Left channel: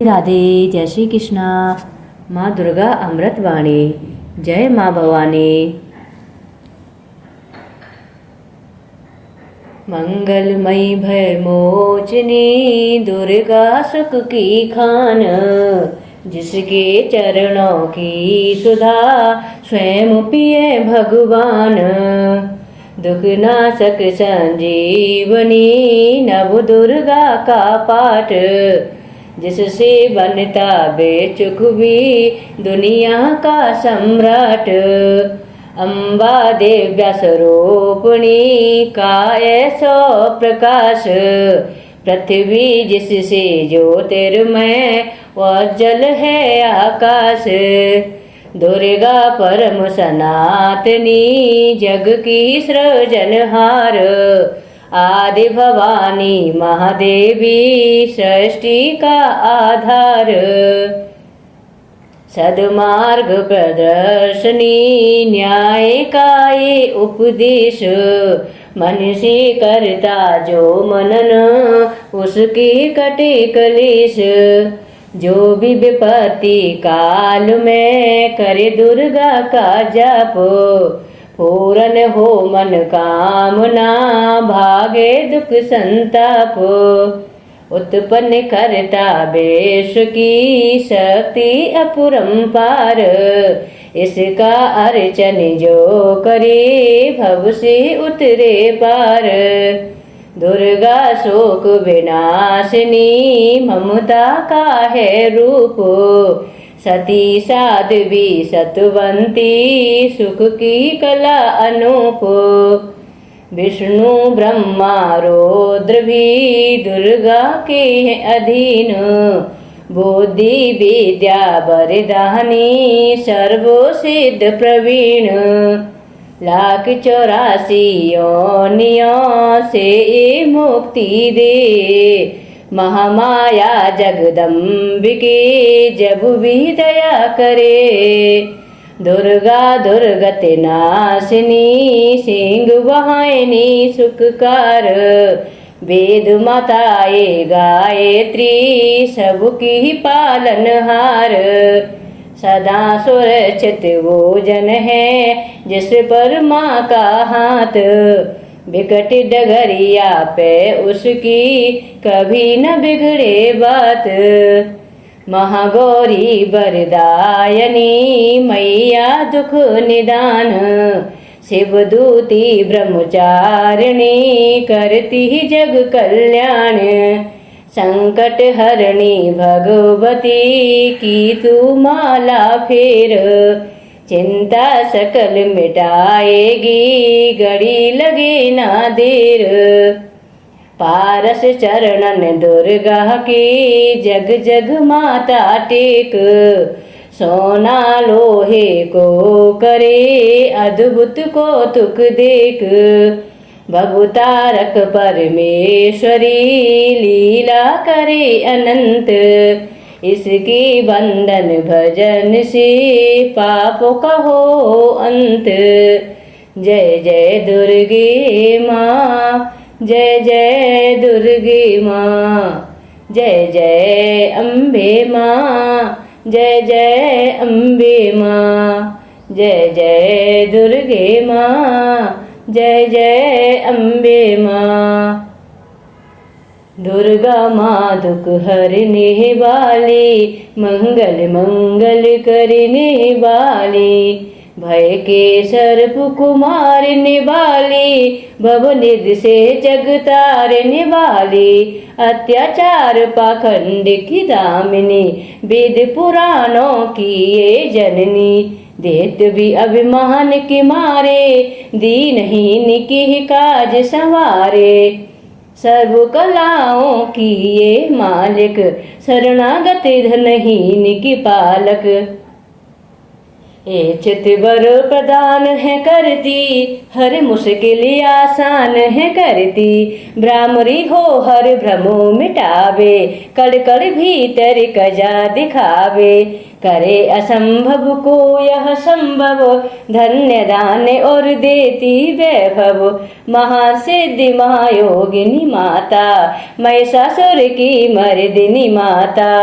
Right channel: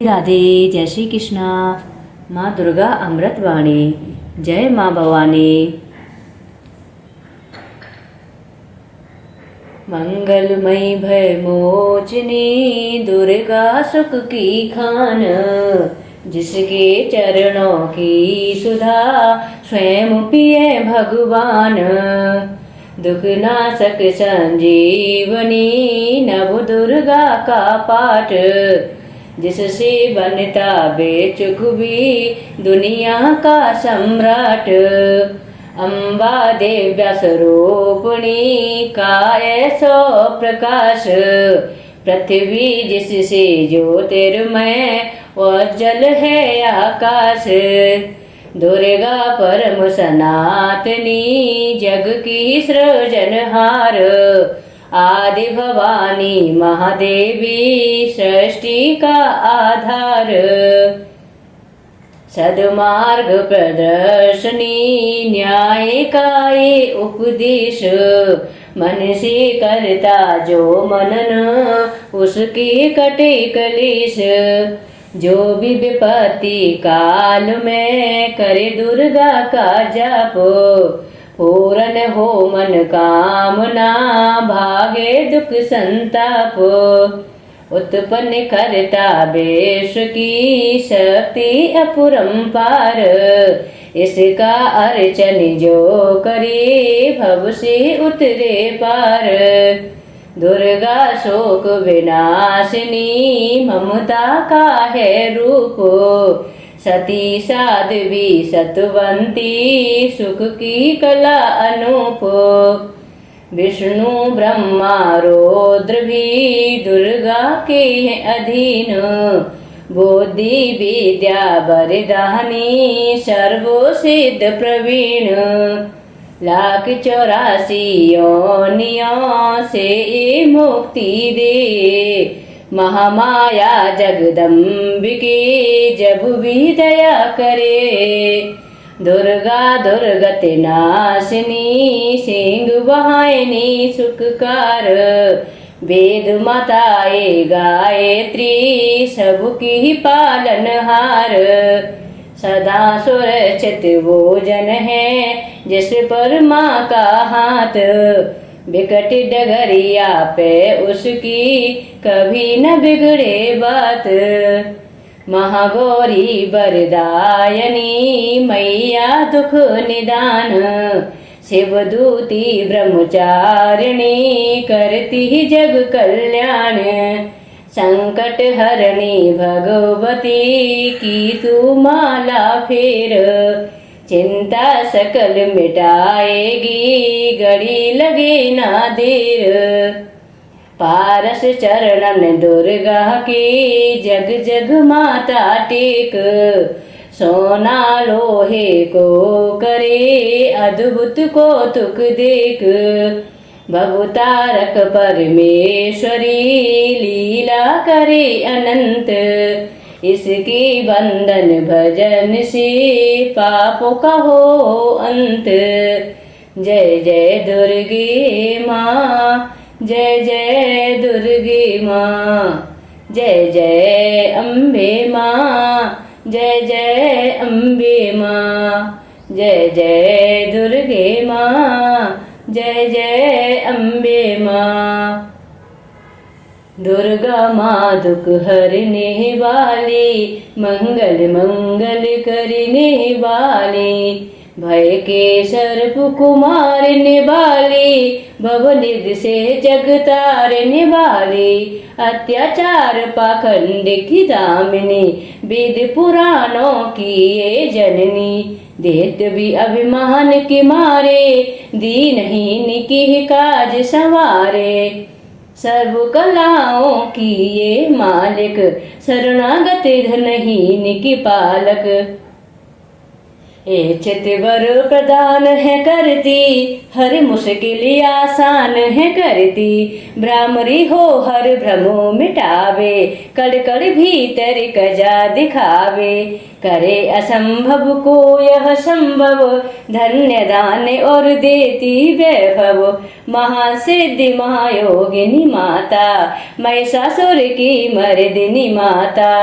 राधे। जय श्री कृष्णा। माँ दुर्गा अमृतवाणी। जय माँ भवानी। मंगलमयी भय मोचनी दुर्गा सुख की खान, जिसके चरणों की सुधा स्वयं पिए भगवान। दुख नाशक संजीवनी नव दुर्गा का पाठ, जिससे बनता बेचुक भी दुनिया का सम्राट। अम्बा दिव्य स्वरूपिणी का ऐसो प्रकाश, पृथ्वी जिससे ज्योतिर्मय उज्जवल है आकाश। दुर्गा परम सनातनी जग की सृजनहार, आदि भवानी महादेवी सृष्टि का आधार। सद्मार्ग प्रदर्शनी न्याय का ये उपदेश, मन से करता जो मनन उसकी कटे कलेश। जो भी विपत्ति काल में करे दुर्गा का जाप, पूर्ण हो मन कामना भागे दुख संताप। उत्पन्न करता बेश की शक्ति अपरंपार, इसका अर्चन जो करे भव से उतरे पार। दुर्गा शोक विनाशिनी ममता का है रूप, सती साध्वी सतवंती सुख की कला अनूप। विष्णु ब्रह्मा रुद्र भी दुर्गा के अधीन, बुद्धि विद्या वरदानी सर्व सिद्ध प्रवीण। 1,84 योनियों से मुक्ति दे, महामाया जगदम्बिके जब भी दया करे। दुर्गा दुर्गति नाशिनी सिंह वहायनी सुखकार, वेद माताए गायत्री सबकी पालनहार। सदा सुरक्षित वो जन है जिस पर माँ का हाथ, विकट डगरिया पे उसकी कभी न बिगड़े बात। महागौरी वरदायनी मैया दुख निदान, शिवदूती ब्रह्मचारिणी करती जग कल्याण। संकट हरणी भगवती की तू माला फेर, चिंता सकल मिटाएगी घड़ी लगे ना देर। पारस चरणन दुर्गा के जग जग माता टेक, सोना लोहे को करे अद्भुत कौतुक देख। भवतारक परमेश्वरी लीला करे अनंत, इसके बंधन भजन से पापों का हो अंत। जय जय दुर्गे माँ, जय जय दुर्गे माँ, जय जय अम्बे माँ, जय जय अम्बे माँ, जय जय दुर्गे माँ, जय जय अम्बे माँ। दुर्गा माँ दुख हरने वाली, मंगल मंगल करने वाली, भय के सर्प को मारने वाली, भवनिध से जग तारने वाली। अत्याचार पाखंड की दामिनी, वेद पुराणों की ये जननी। देत भी अभिमान के मारे, दीनहीन की काज संवारे। सर्व कलाओं की ये मालिक, शरणागत धनहीन की पालक। ए चितवर प्रदान है करती, हर मुश्किल आसान है करती। भ्रामरी हो हर भ्रमो मिटावे, कड़ कड़ भीतर कजा दिखावे। करे असंभव को यह संभव, धन्य दान और देती वैभव। महासिद्धि महायोगिनी माता, महिषासुर की मर्दिनी माता।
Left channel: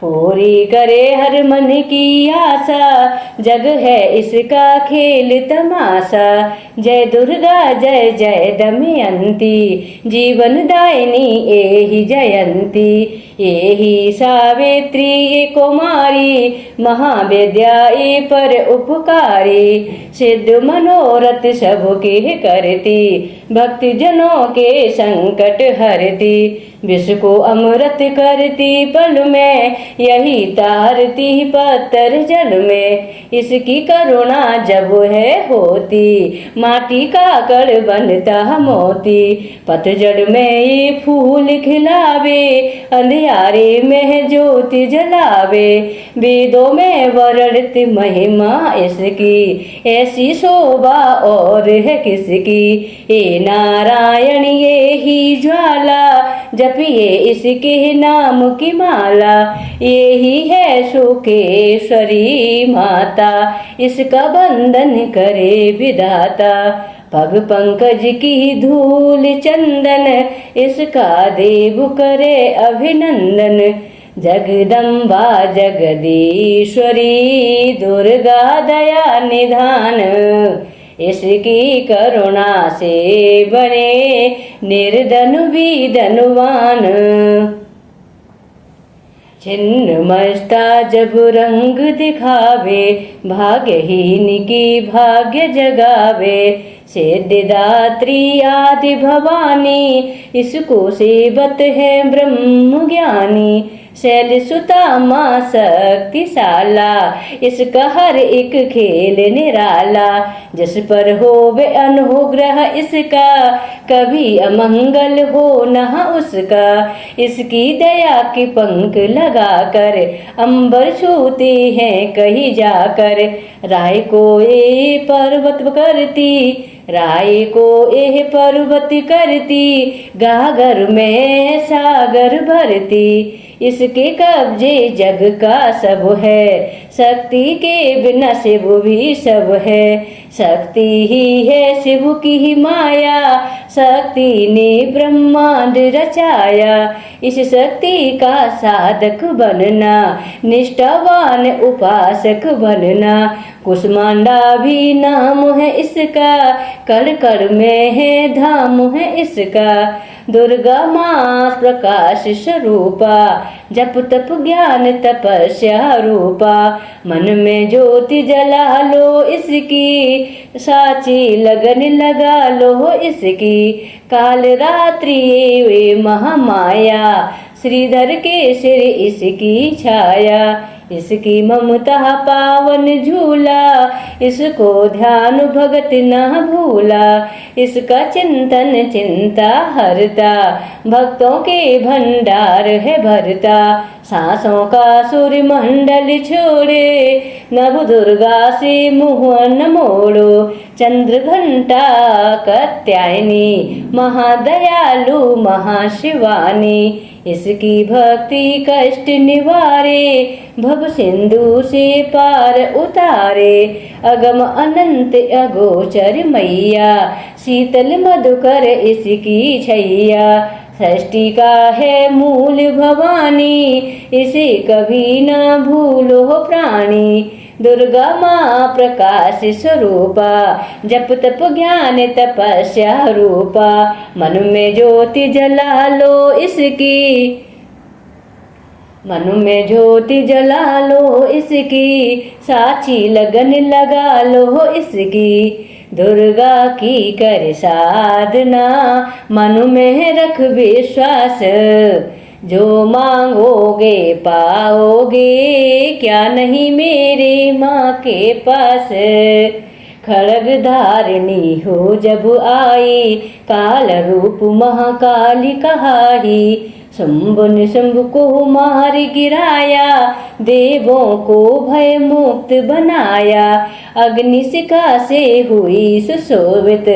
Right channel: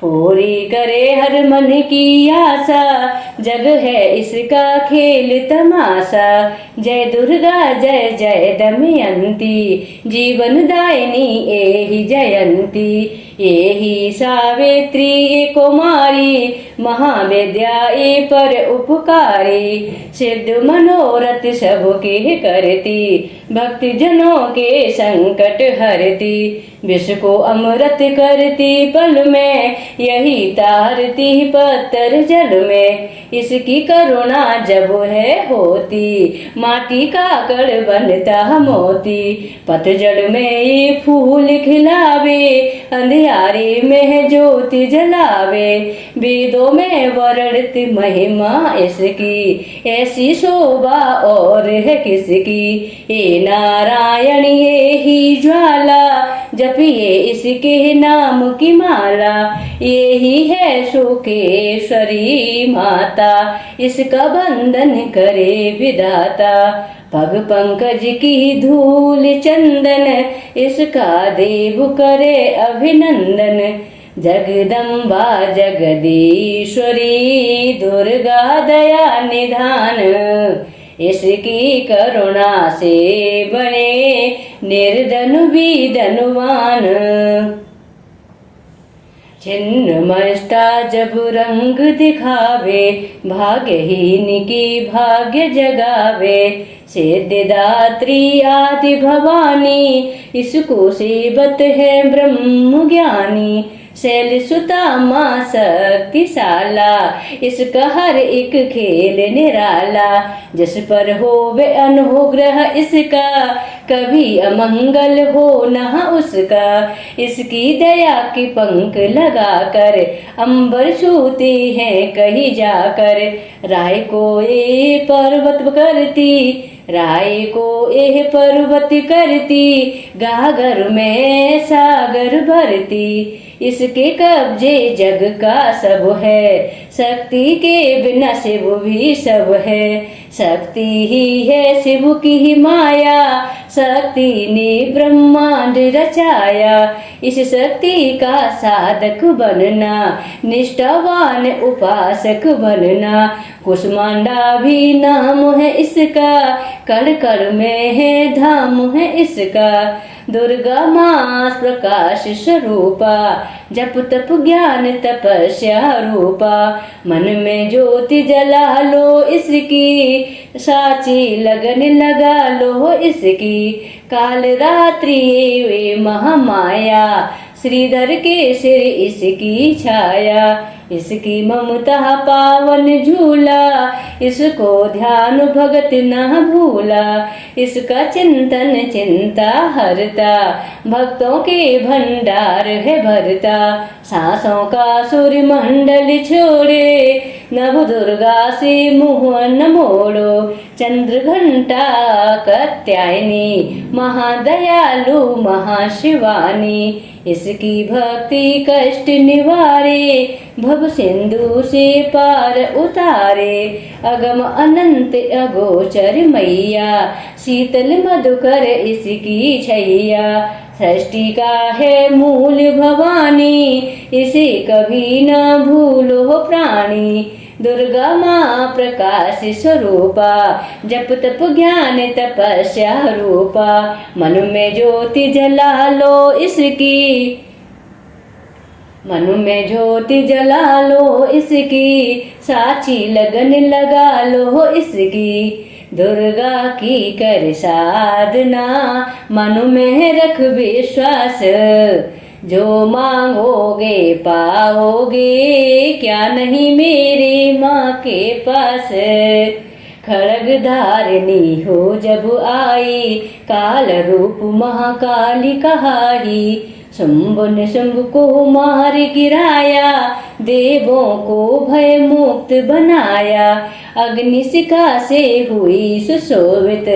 पूरी करे हर मन की आशा, जग है इसका खेल तमाशा। जय दुर्गा जय जय दमयंती, जीवन दायिनी एहि जयंती। एहि सावित्री ए कुमारी, महाविद्या ए पर उपकारी। सिद्ध मनोरथ सबके करती, भक्त जनों के संकट हरती। विष को अमृत करती पल में, यही तारती पत्थर जल में। इसकी करुणा जब है होती, माटी का कड़ बनता मोती। पतझड़ में ये फूल खिलावे, अंधियारे में ज्योति जलावे। वेदों में वर्णित महिमा इसकी, ऐसी शोभा और है किसकी। हे नारायण ये ही ज्वाला, जपिए इसके नाम की माला। ये ही है सुखेश्वरी माता, इसका बंधन करे विधाता। पग पंकज की धूल चंदन, इसका देव करे अभिनंदन। जगदम्बा जगदीश्वरी, दुर्गा दया निधान। इसकी करुणा से बने निर्धन भी धनवान। छिन्नमस्ता जब रंग दिखावे, भाग्यहीन की भाग्य जगावे। सिद्धिदात्री आदि भवानी, इसको सेवत है ब्रह्म ज्ञानी। शैल सुता माँ शक्तिशाला, इसका हर एक खेल निराला। जिस पर हो वे अनुग्रह इसका, कभी अमंगल हो न उसका। इसकी दया के पंख लगाकर, अंबर छूते हैं कहीं जाकर। राय को ये पर्वत करती, राय को एह पर्वत करती। गागर में सागर भरती, इसके कब्जे जग का सब है। शक्ति के बिना शिव भी सब है, शक्ति ही है शिव की ही माया। शक्ति ने ब्रह्मांड रचाया, इस शक्ति का साधक बनना। निष्ठावान उपासक बनना, कुष्मांडा भी नाम है इसका। कण कण में है धाम है इसका। दुर्गा माँ प्रकाश स्वरूपा, जप तप ज्ञान तपस्या रूपा। मन में ज्योति जला लो इसकी, साची लगन लगा लो इसकी। काल रात्रि वे महामाया, श्रीधर के सिर इसकी छाया। इसकी ममता पावन झूला, इसको ध्यान भगत न भूला। इसका चिंतन चिंता हरता, भक्तों के भंडार है भरता। सांसों का सूर्य मंडल छोड़े, नव दुर्गा से मुँह न मोड़ो। चंद्र घंटा कात्यायनी, महादयालु महाशिवानी। इसकी भक्ति कष्ट निवारे, भव सिंधु से पार उतारे। अगम अनंत अगोचर मैया, शीतल मधुकर इसकी छैया। सृष्टि का है मूल भवानी, इसे कभी न भूलो प्राणी। दुर्गा माँ प्रकाश स्वरूपा, जप तप ज्ञान तपस्या रूपा। मन में ज्योति जला लो इसकी, मन में ज्योति जला लो इसकी। साची लगन लगा लो इसकी। दुर्गा की कर साधना, मन में रख विश्वास। जो मांगोगे पाओगे, क्या नहीं मेरी माँ के पास। खड़ग धारिणी हो जब आई, काल रूप महाकाली कहाई। शुंभ ने शुंभ को मार गिराया, देवों को भय मुक्त बनाया। अग्निशिखा से हुई सुशोभित,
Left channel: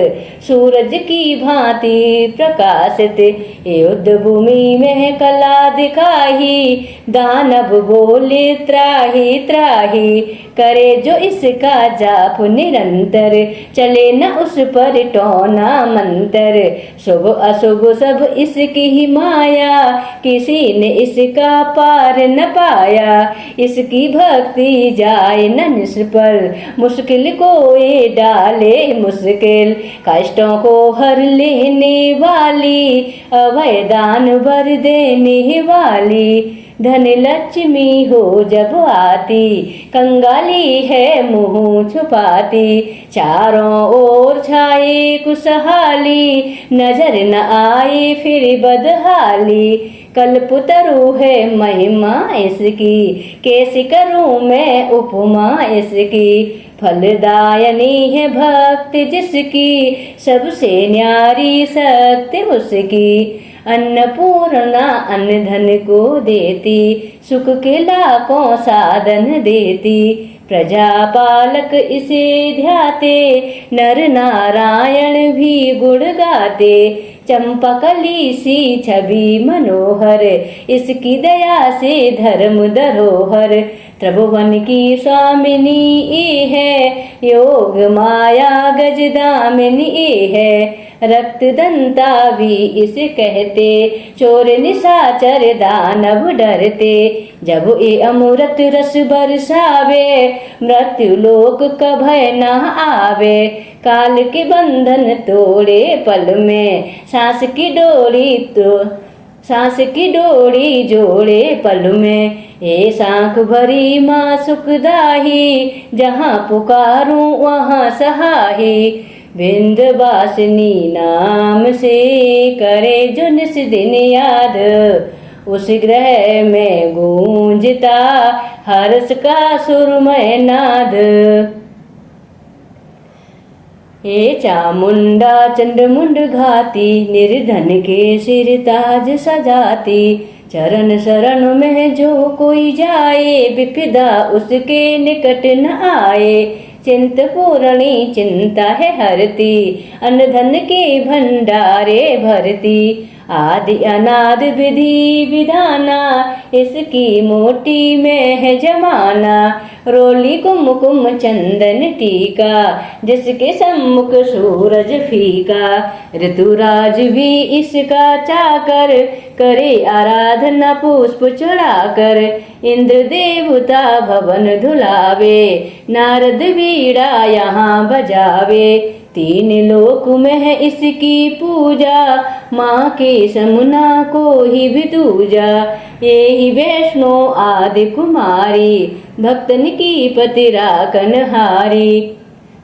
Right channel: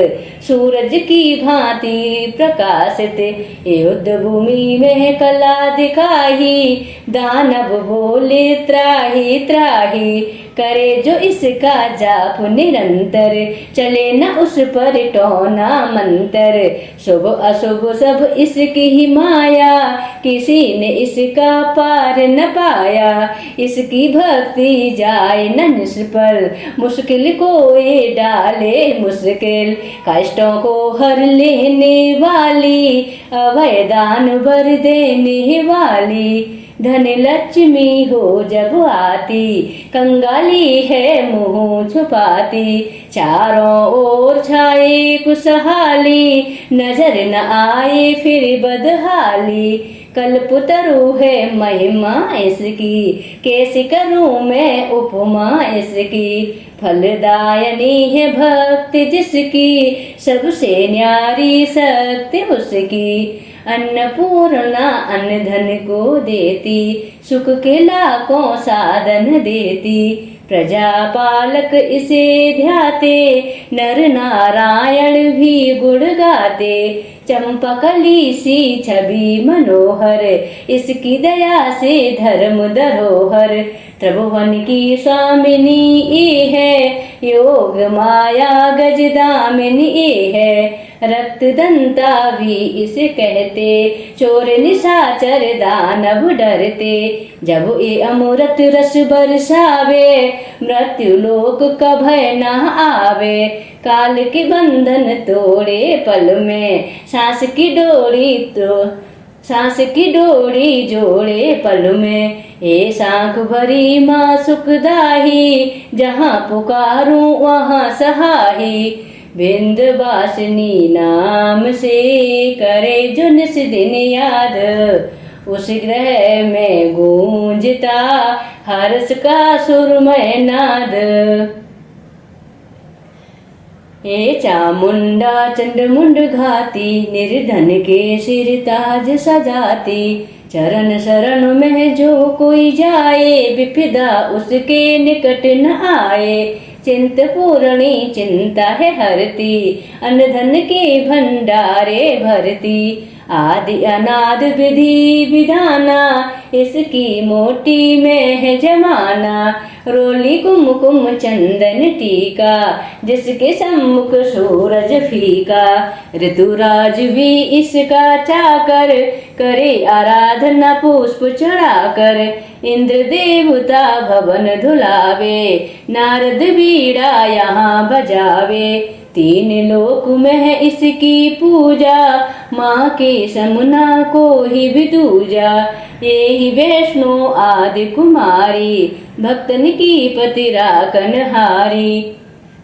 सूरज की भांति प्रकाशित। युद्ध भूमि में कला दिखाई, दानव बोले त्राहि त्राहि। करे जो इसका जाप निरंतर, चले न उस पर टोना मंतर। शुभ अशुभ सब इसकी ही माया, किसी ने इसका पार न पाया। इसकी भक्ति जाए न निष्फल, मुश्किल को ये डाले मुश्किल। कष्टों को हर लेने वाली, अभय दान भर देने वाली। धन लक्ष्मी हो जब आती, कंगाली है मुंह छुपाती। चारों ओर छाए खुशहाली, नजर न आए फिर बदहाली। कल्पतरु है महिमा इसकी, कैसे करूं मैं उपमा इसकी। फलदायनी है भक्ति जिसकी, सबसे न्यारी शक्ति उसकी। अन्नपूर्णा अन्न धन को देती, सुख के लाखों साधन देती। प्रजापालक इसे ध्याते, नर नारायण भी गुण गाते। चंपकली सी छवि मनोहर, इसकी दया से धर्म धरोहर। त्रिभुवन की स्वामिनी ये है, योग माया गजदामिनी ये है। रक्त दंता भी इसे कहते, चोर निशाचर दानव डरते। जब ये अमृत रस बरसावे, मृत्यु लोक का भय न आवे। काल के बंधन तोड़े पल में, सांस की डोरी जोड़े पल में। ये सांख भरी माँ सुखदाही, जहाँ पुकारूं वहाँ सहाही। विंध्यवासिनी नाम से करे जो निस दिन याद, उस ग्रह में गूंजता हर्ष का सुरमय नाद। हे चामुंडा चंडमुंड घाती, निर्धन के सिर ताज सजाती। चरण शरण में जो कोई जाए, विपदा उसके निकट न आए। चिंत पूर्णी चिंता है हरती, अन्न धन के भंडारे भरती। आदि अनाद विधि विधाना, इसकी मोटी में है जमाना। रोली कुमकुम चंदन टीका, जिसके सम्मुख सूरज फीका। ऋतुराज भी इसका चाकर, करे आराधना पुष्प चढ़ाकर। इंद्र देवता भवन धुलावे, नारद बीड़ा यहाँ बजावे। तीन लोक में है इसकी पूजा, माँ के समुना को ही भी दूजा। ये ही वैष्णो आदि कुमारी, भक्तन की पति राखनहारी।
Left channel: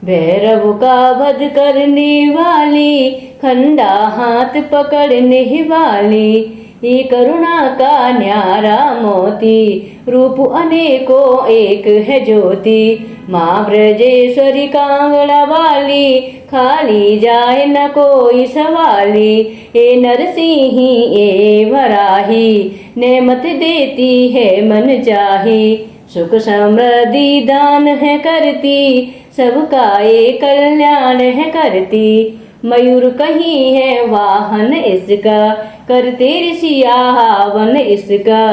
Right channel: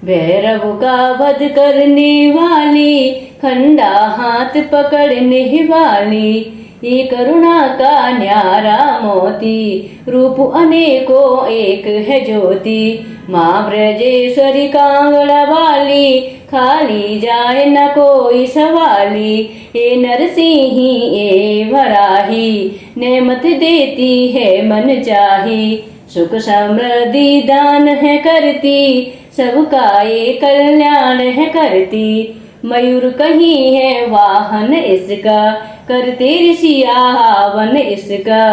भैरव का वध करने वाली, खंडा हाथ पकड़ने वाली। ये करुणा का न्यारा मोती, रूप अनेकों एक है ज्योति। माँ ब्रजेश्वरी कांगड़ा वाली, खाली जाए न कोई सवाली। ये नरसिंही ये वराही, नेमत देती है मन चाही। सुख समृद्धि दान है करती, सबका ये कल्याण है करती। मयूर कहीं है वाहन इसका, करते ऋषि आह्वान इसका।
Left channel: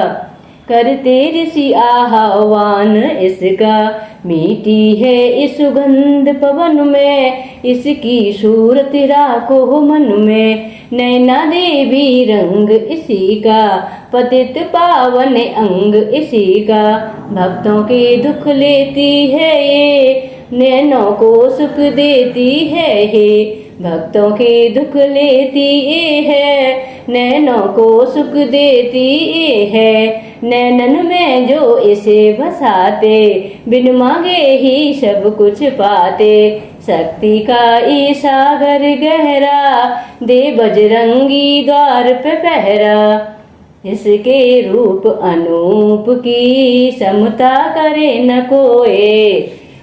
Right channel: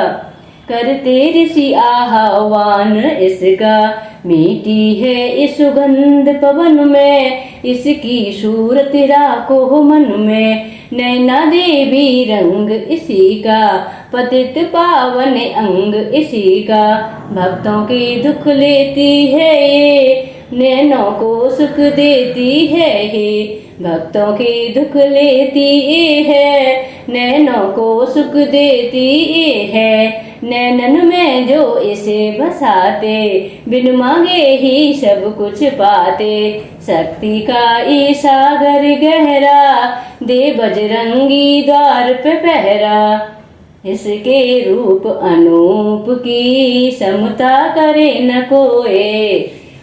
करते ऋषि आह्वान इसका। मीठी है इस सुगंध पवन में, इसकी सूरत राखो मन में। नैना देवी रंग इसी का, पतित पावन अंग इसी का। भक्तों के दुख लेती है ये, नैनों को सुख देती है ये। भक्तों के दुख लेती ये है, नैनों को सुख देती ये है। नैनन में जो इसे बसाते, बिन मांगे ही सब कुछ पाते। शक्ति का ये सागर गहरा, दे बजरंगी द्वार पे पहरा। इसके रूप अनूप की, समता करे न कोई।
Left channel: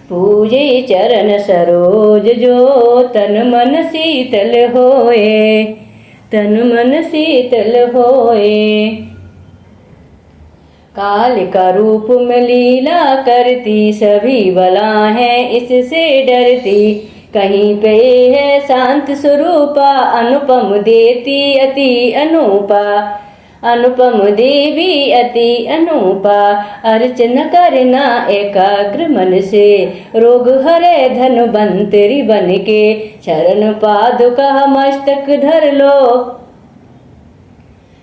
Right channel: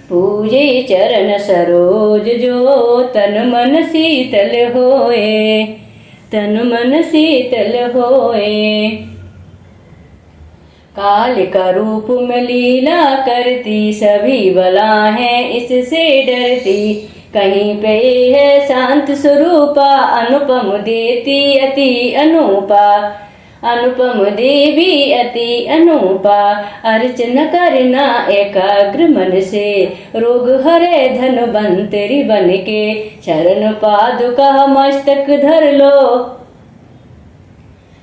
पूजे चरण सरोज जो, तन मन शीतल होए। तन मन शीतल होए। काल का रूप में लीला करती, सभी बला है इससे डरती। कहीं पे है शांत स्वरूपा, अनुपम देती अति अनूपा। अनुपम देवी अति अनूपा, अर्चन करना एकाग्र मन से। रोग हरे धनवंतरी बन के, शरण पादुका मस्तक धर लो।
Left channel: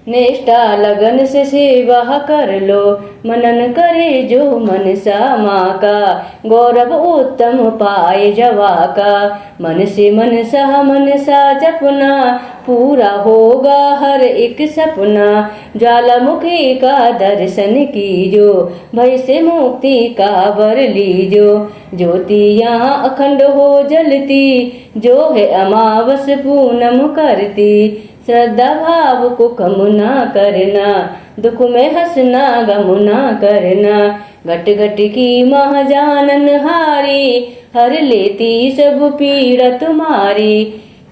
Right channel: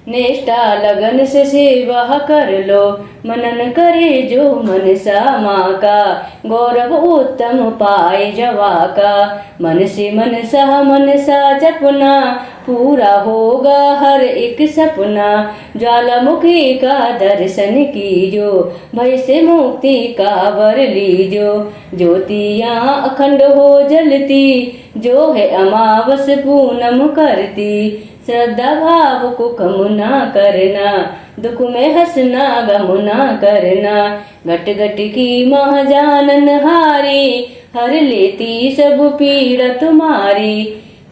निष्ठा लगन से सेवा कर लो, मनन करे जो मनसा माँ का। गौरव उत्तम पाए जवा का, मन से मनसा जपना। पूरा होगा हर एक सपना, ज्वालामुखी का दर्शन कीजो। भय से मुक्ति का वर लीजो, ज्योतियाँ अखंड हो जलती। जो है अमावस पूनम करती, श्रद्धा भाव को कम ना करना। दुख में हंसना गम ना करना, घट घट की महाजानन हारी। हर लेती सब पीड़ा तुम्हारी,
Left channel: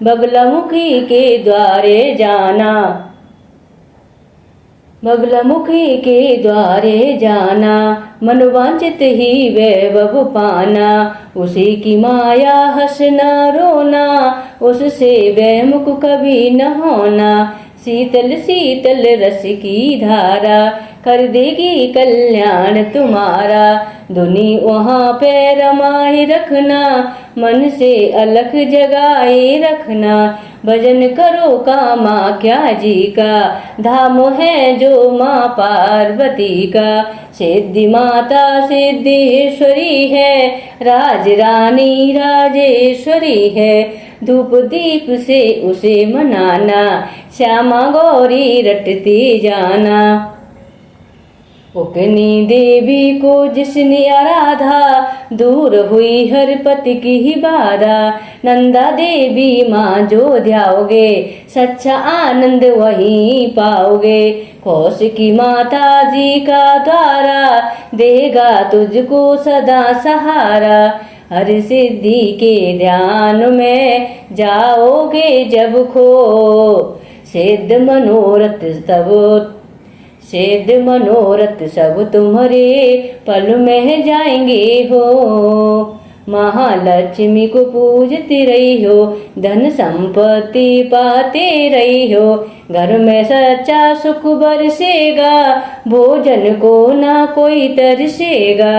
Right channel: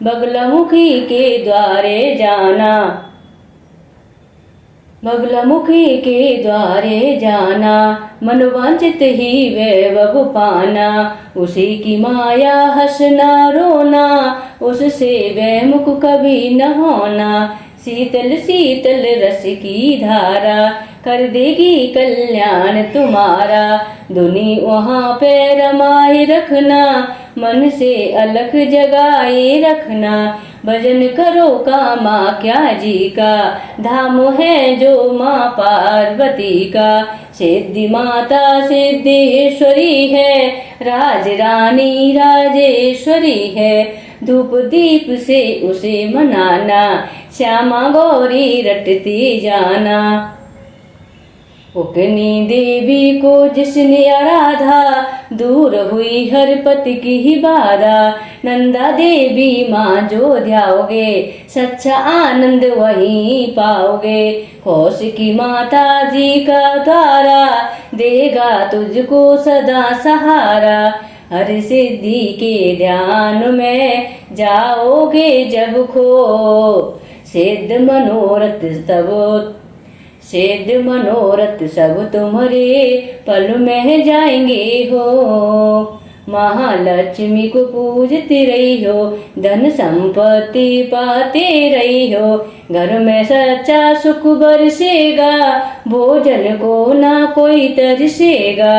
बगलामुखी के द्वारे जाना। बगलामुखी के द्वारे जाना, मनोवांछित ही वैभव पाना। उसी की माया हंसना रोना, उससे वैमुख कभी न होना। शीतल शीतल रस की धारा, कर देगी कल्याण तुम्हारा। धुनी वहाँ पे रमाए रखना, मन से अलख जगाए रखना। भजन करो कामाख्या जी का, धाम है जो माँ पार्वती का। सिद्धि माता सिद्धेश्वरी है, राज रानी राजेश्वरी है। धूप दीप से उसे मनाना, श्यामा गौरी रटती जाना। अपनी देवी को जिसने आराधा, दूर हुई हर पति की ही बाधा। नंदा देवी माँ जो ध्याओगे, सच्चा आनंद वहीं पाओगे। कौश की माता जी का द्वारा, देगा तुझको सदा सहारा। हर सिद्धि के ध्यान में जाओगे जब खो, सिद्ध मनोरथ सब तुम्हारे पल में जाएंगे हो। महालक्ष्मी को पूजती रही हो, धन संपत्ति पाते रही हो। घर में सच्चा सुख बरसेगा, भोजन को ना कोई तरसेगा।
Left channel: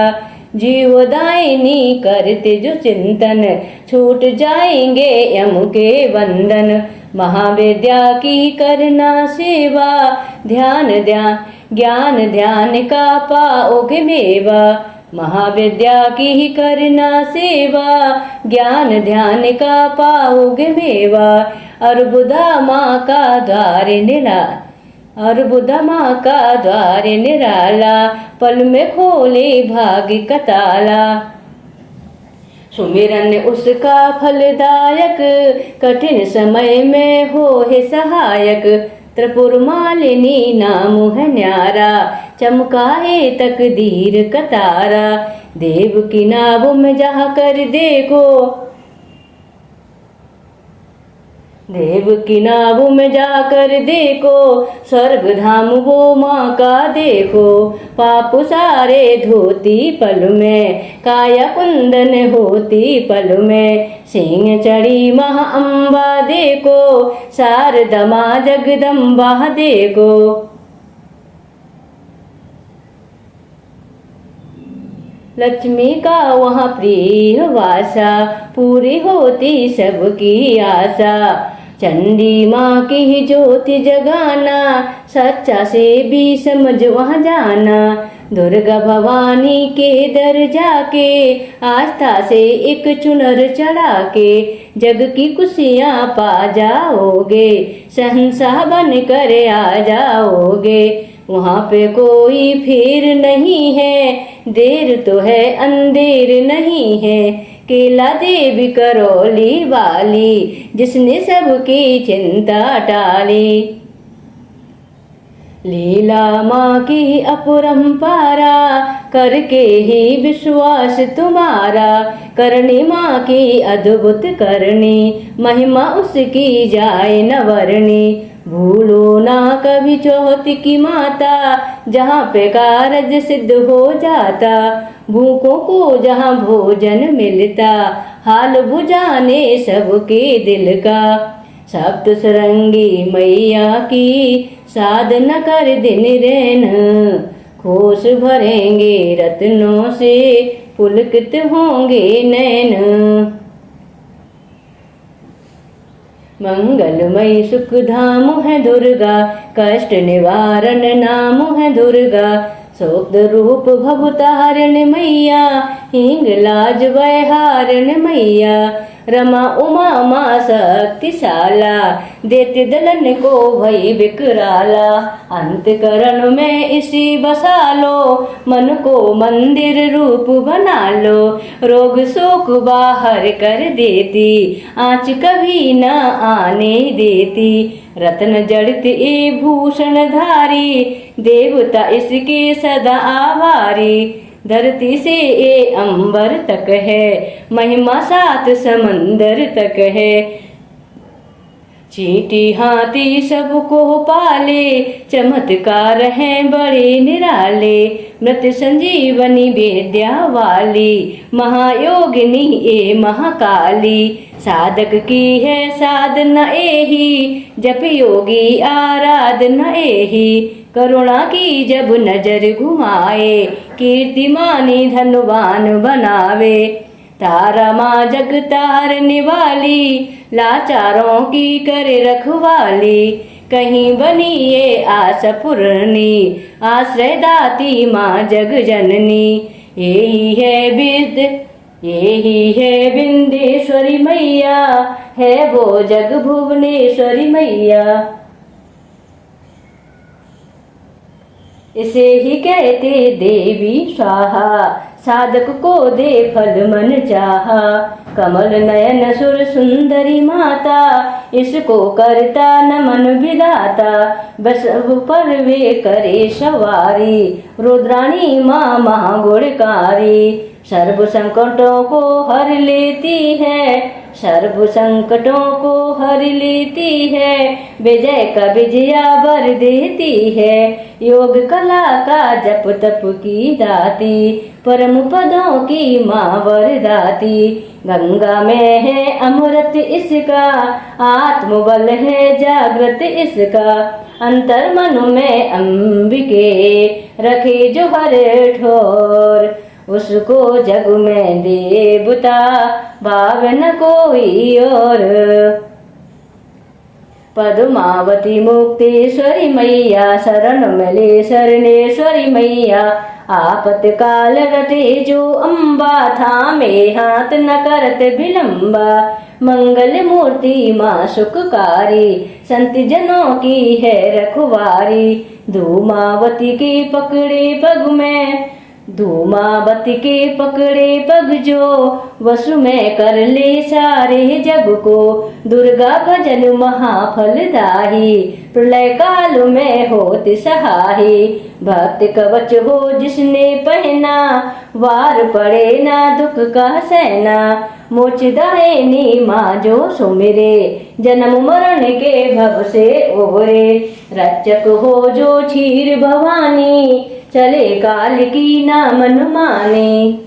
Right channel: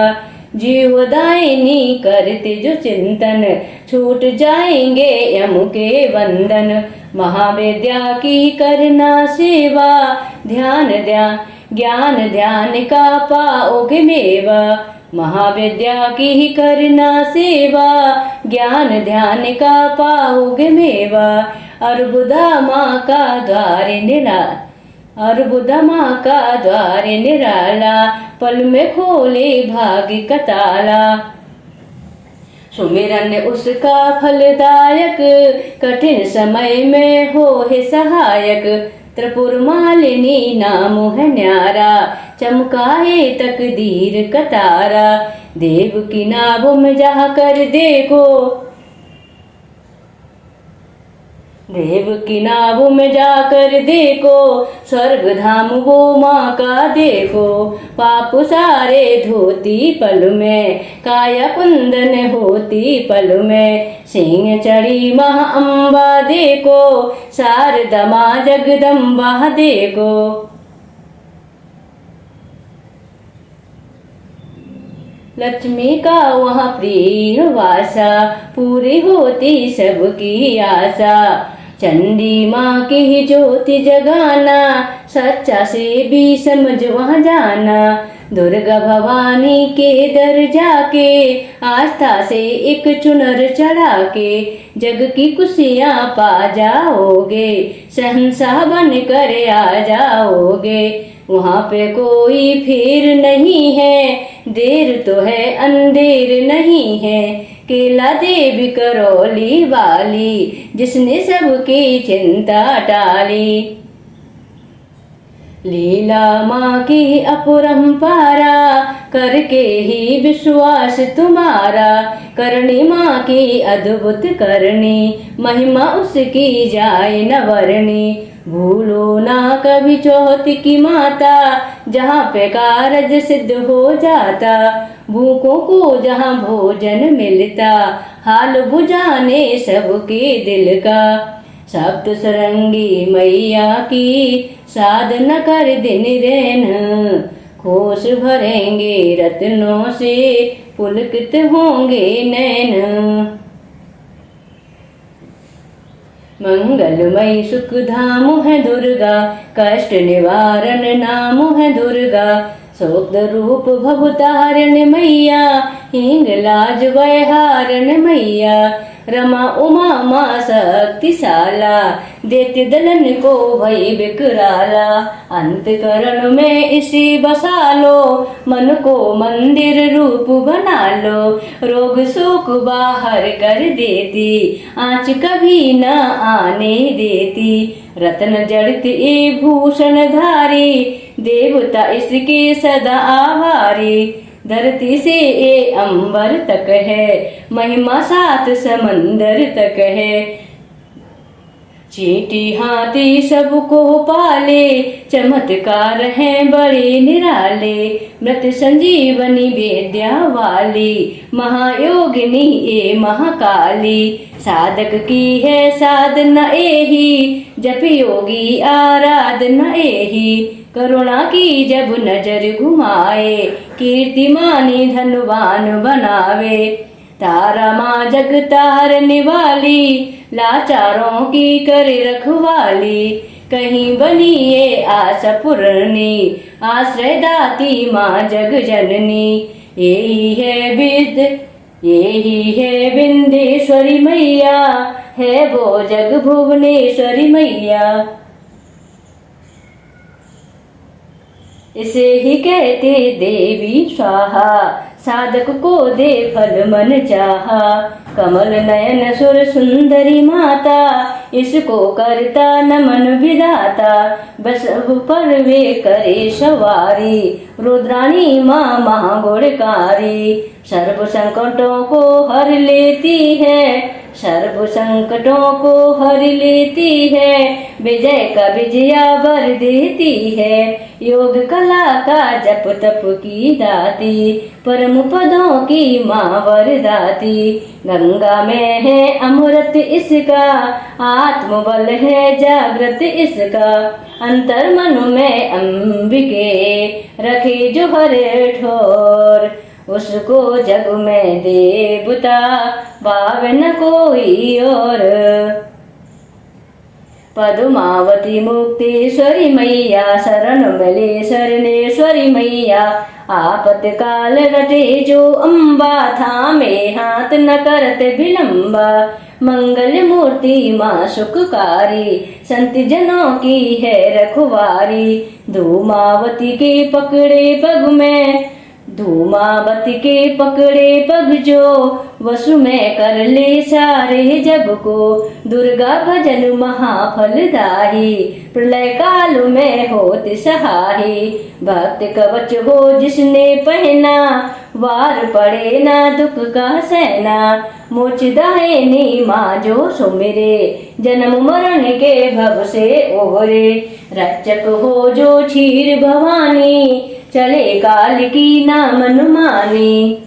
जीवदायिनी करते जो चिंतन, छूट जाएंगे यम के बंधन। महाविद्या की करना सेवा, ज्ञान ध्यान का पाओगे मेवा। महाविद्या की करना सेवा, ज्ञान ध्यान का पाओगे मेवा। अर्बुदा माँ का द्वार निराला, पल में खोले भाग्य का ताला। सुमिरन उसका फलदायक, कठिन समय में हो है सहायक। त्रिपुर मालिनी नाम है न्यारा, चमकाए तकदीर का तारा। देव की नाव में जा कर देखो, देव की नाव में जाकर देखो। स्वर्ग धाम वो माँ का देखो। पाप सारे धोती पल में, काया कुंदन होती पल में। सिंह चढ़ी माँ अम्बा देखो, शारदा माँ जगदम्बा देखो। लक्ष्मी का वहाँ प्रिय वासा, पूरी होती सबकी आशा। चंडी माँ की ही ज्योति जगाना, सच्चा से भी समझ वहाँ जाना। दुर्गा भवानी के दर जाके, आस्था से एक चुनर चढ़ा के। जग की खुशियाँ पा जाओगे, शहंशाह बन कर आ जाओगे। वहाँ पे कोई फिर नहीं है, देर तो है अंधेर नहीं है। केला देवी करौली वाली, जिसने सबकी चिंता टाली। लीला माँ की अपरंपारा, करके ही विश्वास तुम्हारा। करणी माँ की अद्भुत करनी, महिमा उसकी जाए न वर्णी। भूलो ना कभी चौथ की माता, जहाँ पे कारज सिद्ध हो जाता। भूखों को जहाँ भोजन मिलता, हाल बुझाने सबके दिल का। सप्त सरंगी मैया की साधना कर दिन रैन, खोस भरेंगे रत्नों से पुलकित होंगे नैन। मंगलमयी सुख धाम है दुर्गा, कष्ट निवारण नाम है दुर्गा। शोक रूप भवतारण मैया, हिंगलाज वैहारण मैया। रमा उमा माँ शक्तिशाला, देते दलन को भई विकराला। अंतकरण में इसी बसा लो, मन को मंदिर रूप बना लो। रोग शोक बाहर कर देती, आँच कभी न आने देती। रत्न जड़ित ए भूषण धारी, देवता इसके सदा आभारी। धरती से ए अंबर तक है, महिमा सात समंदर तक है। चींटी हाथी सबको पाले, चमत्कार हैं बड़े निराले। मृत संजीवनी वेद्या वाली, महायोगिनी ए महाकाली। साधक की है साधना एही, जप योगी आराधना एही। करुणा की जब नजर घुमाए, कीर्तिमानी धनवान बनावे। तारा माँ जग तारने वाली, लाचारों की करे रखवाली। कहीं बनी ये आस पूरनी, आश्रय दाती माँ जग जननी। यही है बिंदेश्वरी मैया, है वो जग भुवनेश्वरी मैया। इसे ही कहते देवी स्वाहा, साधक को दे फल मन चाहा। कमल नयन सुर सुंदरी माता, इसको करता नमन विधाता। बस पर वे करे सवारी, रुद्राणी माँ महागुणकारी। सर्व संकटों को हर लेती है, सर्व संकटों को हर लेती है। विजय का विजया वर देती है, योग कला का जप तप की दाती। परम पदों की माँ वरदाती। गंगा में है अमृत इसका, आत्मबल है जागृत इसका। अंतर मन में अंबिके, रखे जो हर ठोर। उसको जग में देवता, भाव न कोई और। पद्मावती मुक्तेश्वरी मैया, शरण मिले शरणेश्वरी मैया। आपत काल रटे जो अम्बा, थामे हाथ न करत विलंबा। मंगल मूर्ति माँ सुखकारी, संत जनों की है रखवारी। धूमावती के पकड़े पग में, धूमावती के पकड़े पग जो। वसु में कर ले सारे जग को, दुर्गा भजन महाफलदाही। प्रलय काल में होत सहाही, भक्त कवच हो जिसने पहना। वार पड़े ना दुख का सहना, मोच दायनी माँ जो सुमिरे। जन्म मरण के भव से ओरे, रक्षक हो जो क्षीर भवानी। चले काल की ना मन मानी,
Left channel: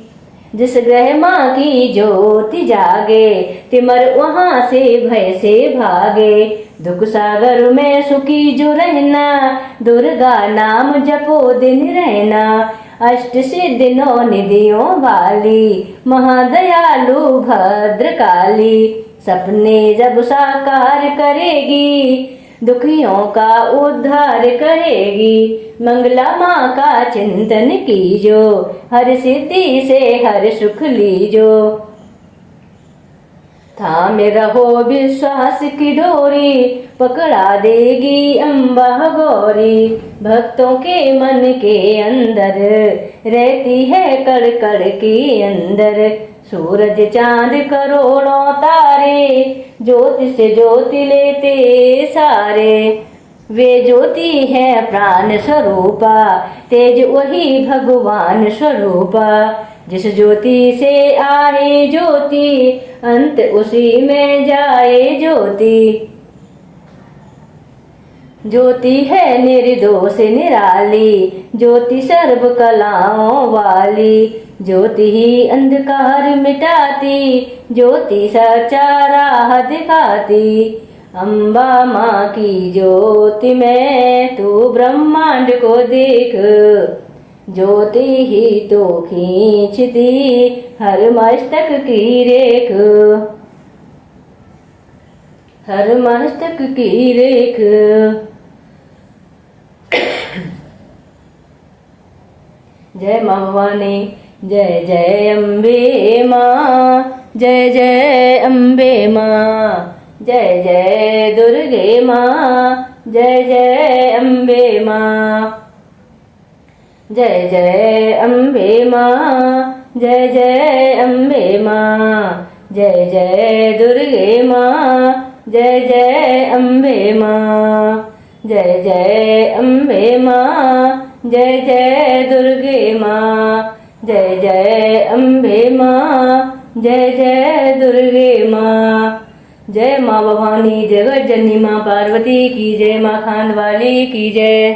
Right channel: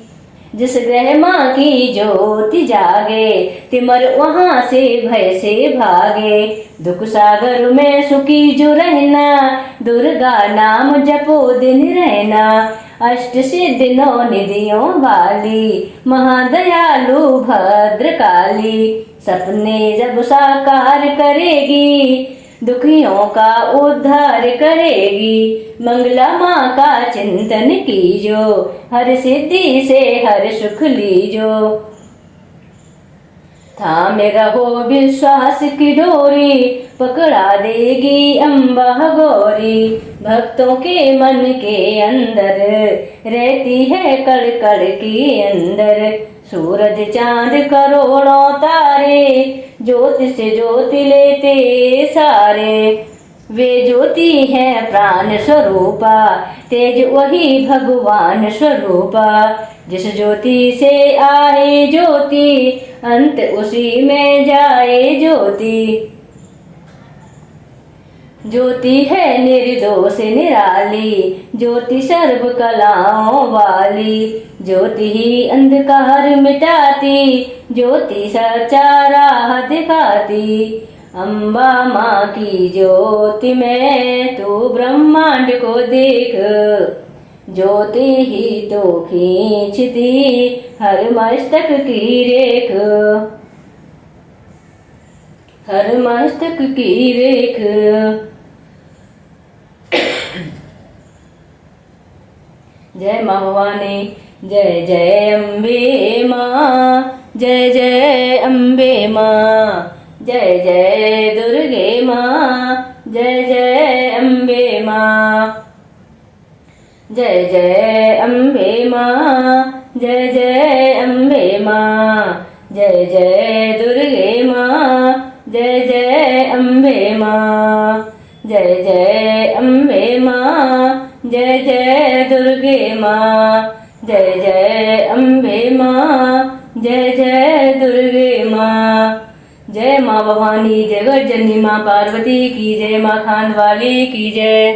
जिस ग्रह माँ की ज्योति जागे। तिमर वहाँ से भय से भागे, दुख सागर में सुखी जो रहना। दुर्गा नाम जपो दिन रहना, अष्ट सिद्धि नौ निधियों वाली। महादयालु भद्रकाली, सपने जब साकार करेगी। दुखियों का उद्धार करेगी, मंगला माँ का चिंतन कीजो। हर सिद्धि से हर सुख लीजो। थामे रहो विश्वास की डोरी, पकड़ा देगी अम्बा गौरी। भक्तों के मन के अंदर, रहती है कड़ कड़ के अंदर। सूरज चांद करोड़ों तारे, ज्योति से ज्योति लेते सारे। वे ज्योति है प्राण स्वरूपा, तेज वही भगवान स्वरूपा। जिस ज्योति से आए ज्योति, अंत उसी में जाए ज्योति। ज्योति है निर्दोष निराली, ज्योति सर्व कलाओं वाली, ज्योति ही अंधकार मिटाती, ज्योति सच्चा राह दिखाती। अम्बा माँ की ज्योति में तू ब्रह्मांड को देख, ज्योति ही तो खींचती हर मस्तक की रेख, हर मस्तक की रेख। जय माँ भवानी, जय जय अम्बे माँ, जय जय अम्बे माँ, जय जय दुर्गे माँ, जय जय अम्बे माँ, जय जय अम्बे माँ, जय जय अम्बे माँ, जय जय दुर्गे माँ, जय जय अम्बे माँ, जय जय अम्बे माँ, जय जय दुर्गे माँ, जय जय अम्बे माँ, जय जय दुर्गे माँ। जय माँ भवानी, जगत जननी माँ पार्वती की जय, माँ खांडवाली की जय।